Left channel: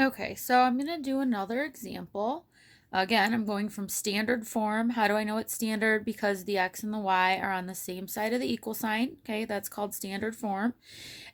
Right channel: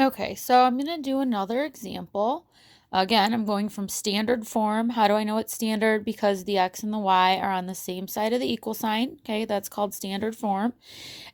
Okay, so I'm going to do another example. Again, I'm going from standard form. How do I know it's standard? Because the x and the y are on the same side of the equal sign. Okay, that's called standard form.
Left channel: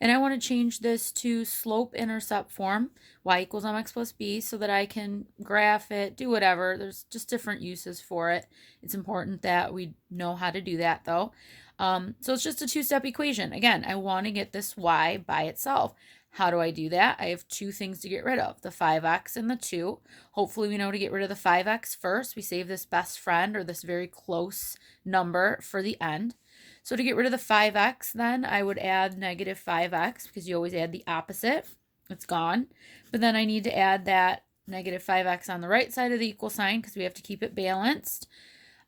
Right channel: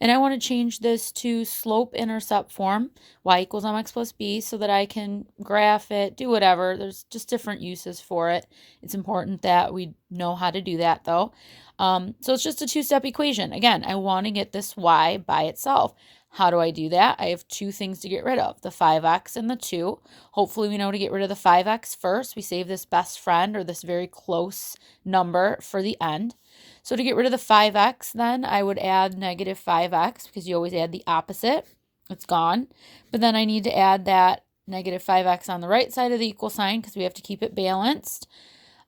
And I want to change this to slope intercept form, y equals mx plus b, so that I can graph it, do whatever. There's just different uses for it. It's important that we know how to do that though. So it's just a two-step equation. Again, I want to get this y by itself. How do I do that? I have two things to get rid of, the 5x and the 2. Hopefully we know to get rid of the 5x first. We save this best friend or this very close number for the end. So to get rid of the 5x, then I would add negative 5x because you always add the opposite. It's gone. But then I need to add that negative 5x on the right side of the equal sign because we have to keep it balanced.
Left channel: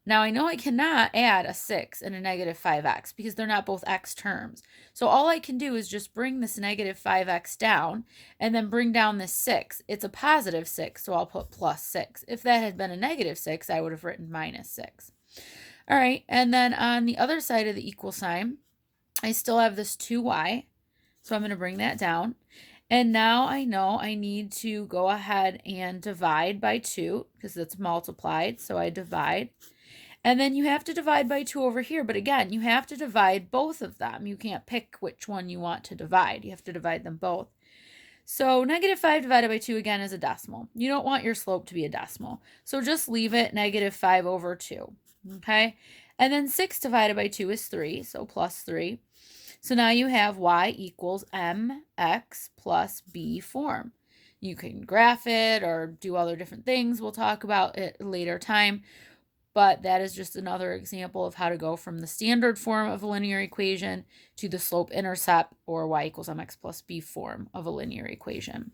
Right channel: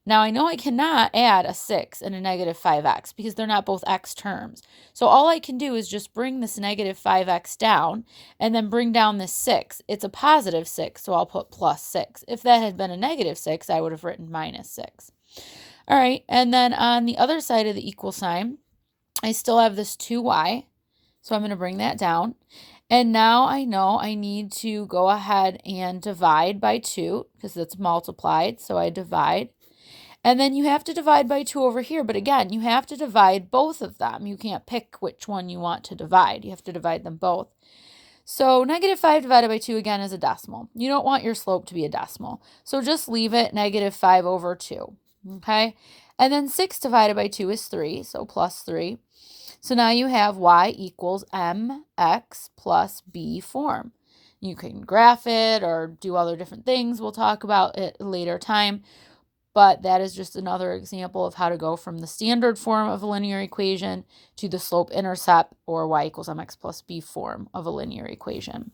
Now I know I cannot add a 6 and a negative 5x because they're not both x terms. So all I can do is just bring this negative 5x down and then bring down this 6. It's a positive 6, so I'll put plus 6. If that had been a negative 6, I would have written minus 6. All right, and then on the other side of the equal sign, I still have this 2y, so I'm going to bring that down. And now I know I need to go ahead and divide by 2 because it's multiplied, so I divide. And then you have to divide by 2 over here, but again, you have to divide both of them. You can't pick which one you want to divide. You have to divide them both. So negative 5 divided by 2 again is a decimal. You don't want your slope to be a decimal. So just leave it negative 5 over 2. Okay? And then 6 divided by 2 is 3, so plus 3. So now you have y equals mx plus b form. You can graph it or do other different things. We'll talk about it at a later time. But that is just another example of how to go from the standard form of a linear equation to the slope intercept or y equals mx plus b form of a linear equation.